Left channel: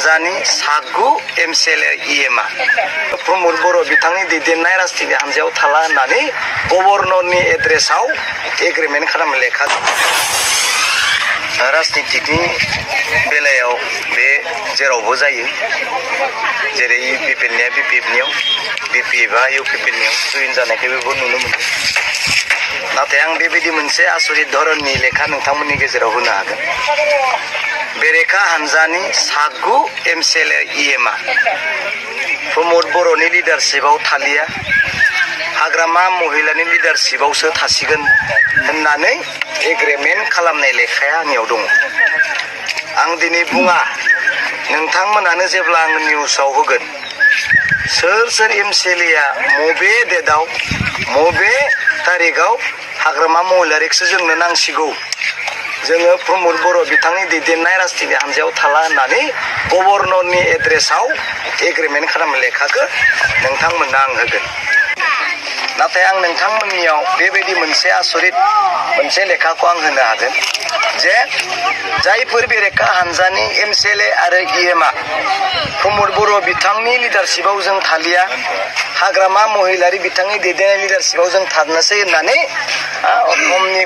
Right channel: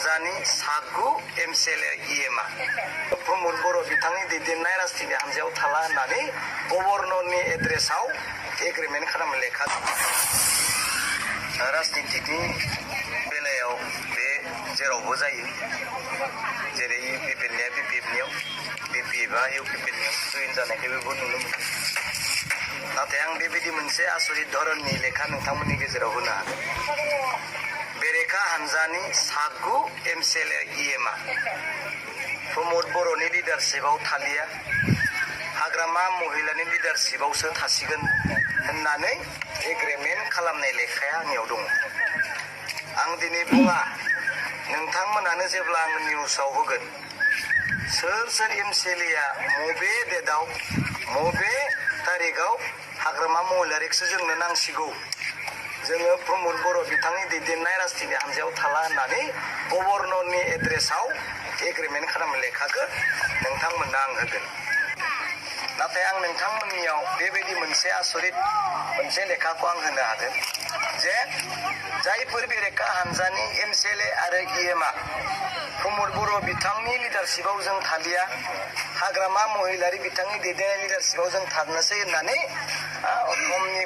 हानजानि सागु एमसिएलए इएमआ प्रमद बर' बिथांनि दैदेननाय राजनिति हानजायाव थाला होननानै गभर्नरनि एड्रेसाव एग्रिमेन्ट खालामनो लेखा राजनितिनि बेलायाव बे जेरावबो जायो जेरै इउपिपिएलनिया बिपिएफनियाव बिपिएफआ इउपिपिएलनियाव जयेन जानायखौबो नुनो मोनो नाथाय आं बेबायदि मोनसे आसरित धरननि लेखा नोंथांमोननि गेजेराव होनो हागोन बेरेखा हानजानि सागु एमसिएलए इएमआ प्रमद बर'नि लिडारशिपआव थालिया हाग्रामा महिलानि लिडारशिपआवसो थासिगोन होननानै एग्रिमेन्ट खालामनाय लेखाया आंनियाव दङ आं दिनै बुङा नोंथांमोनानो जेब्ला आं निउसाव होगोन सोर एमसिएलएआ मबे डेटआव मबे तारिखआव हाग्रामा महिलारिखौसो जोंनो नांसिगौ जोङो प्रमद बर' बिथांनि दैदेननाय राजनिति हानजायाव थाला होननानै गभर्नरनि एड्रेसाव एग्रिमेन्ट खालामनो लेखाखौ नोंथांमोननो आं होगोन नाथाय आं नोंथांमोननियाव बेबायदि मोनसे आसरित मोनसे लेखाखौ आं होनो हागोन जे जायफोर बेरेखा हानजानि एमसिएलए आरो इएमआ प्रमद बर' बिथांनि लिडारशिपआव जों थालिया हाग्रामा महिलारि बिथांनि दैदेननाय लिडारशिपआव जों थानोसै होननानै असमनि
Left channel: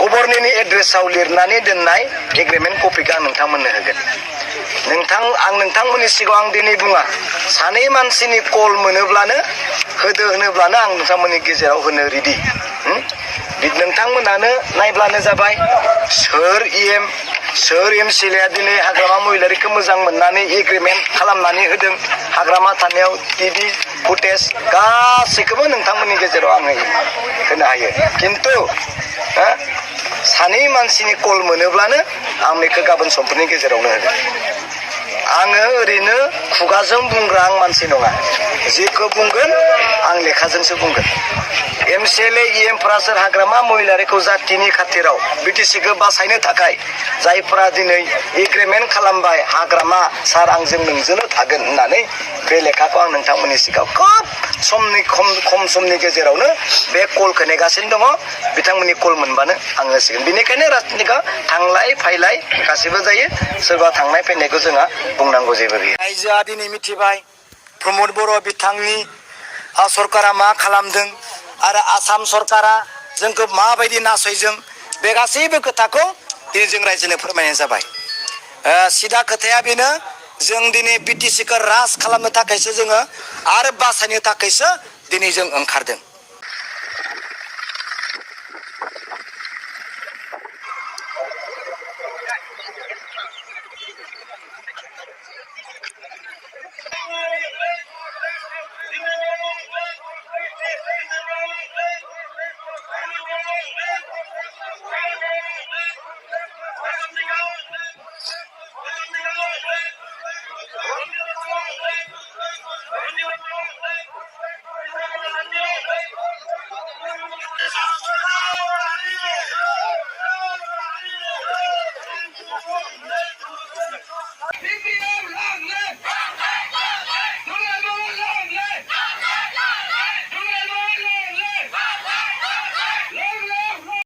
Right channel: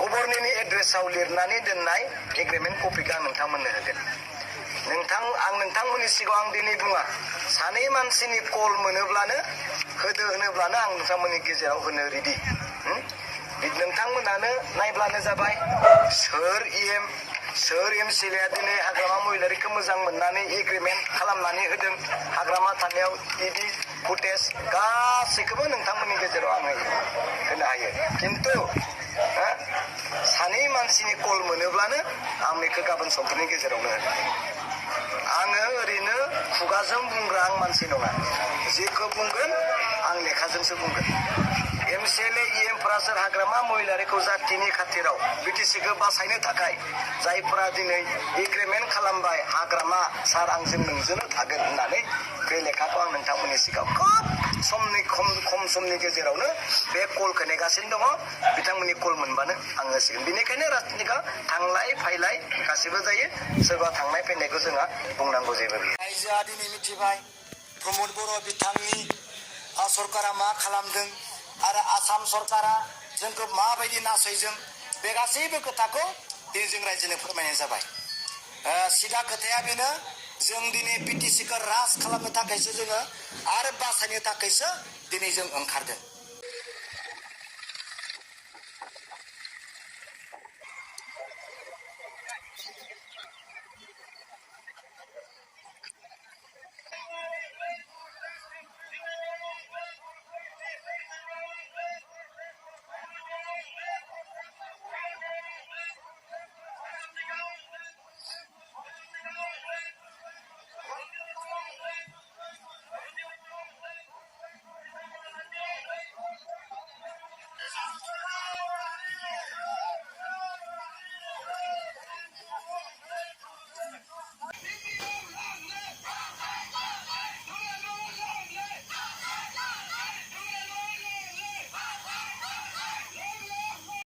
गभर्नरनि एड्रेसाव लिरनानै दोननाय एग्रिमेन्ट कपिखौ आं नोंथांमोननो होगोन आं नोंथांमोननि सिगाङाव आं दिनै बुङा सानै मानसिनि कल मोनोब्लानो होनोब्लानो आं नोंथांमोननि गेजेराव होनो रेडि नोंथांमोनानो नायब्लानो जाबाय सोर एमसिएलएआ दिनै हाग्रामा महिलारिखौ मोजां मोननानै एग्रिमेन्ट खालामनानै होदों हाग्रामा थानायाव टिभि फुटेज गासैखौबो नोंथांमोननि गेजेराव आं होनो हायो खिन्थु सानै मानसिनि कल मोनोब्लानो आं बेखौ गाबोन समफोरनि गेजेरावनो होगोन आङो ओरैनो खुगाजों बुंग्रा आं मानसि नङा जेखौ बुंगोन आं लेखाजोंसो बुंगोन एमसिएलए इएमफ्रा सोर हाग्रामा महिलारिखौ जातिनि खाथिराव बिटिसिखौ बासायनो थाखाय जायफ्रा दिनै एग्रिमेन्ट खालामबाय हाग्रामा सार आंजों नोंजोंनो थागोन होननानै बे लेखाखौ आं नोंथांमोननि सिगाङाव खम समनि गेजेरावनो बे कलखौ नेगासिनो दङ बिथांमोननि कल मोनबानो आं होसिगोन बेनिखायनो राजनितिकआ थांलाय फैलाय गासैबो जायो सोरबा थांनाय फैनायखौ जोंहा बुंनांगौ जेबो गैया रायजोआ दिनै मिथिबाय प्रमद बर' बिथांनि सरकारा मा खालामदों आरो आसाम सरकारा जोंखौ माबायदि नासयजों बे गासैबो खोथाखौ दिनै जों रायजोनो फोरमायनाय जाबाय सिदा खोथाया बेनो जों दिनै बिटिसिखौ राज खालामनो थाखायसो जोङो आरो बासायनो थाखायसो दिनै जों ओंखारदों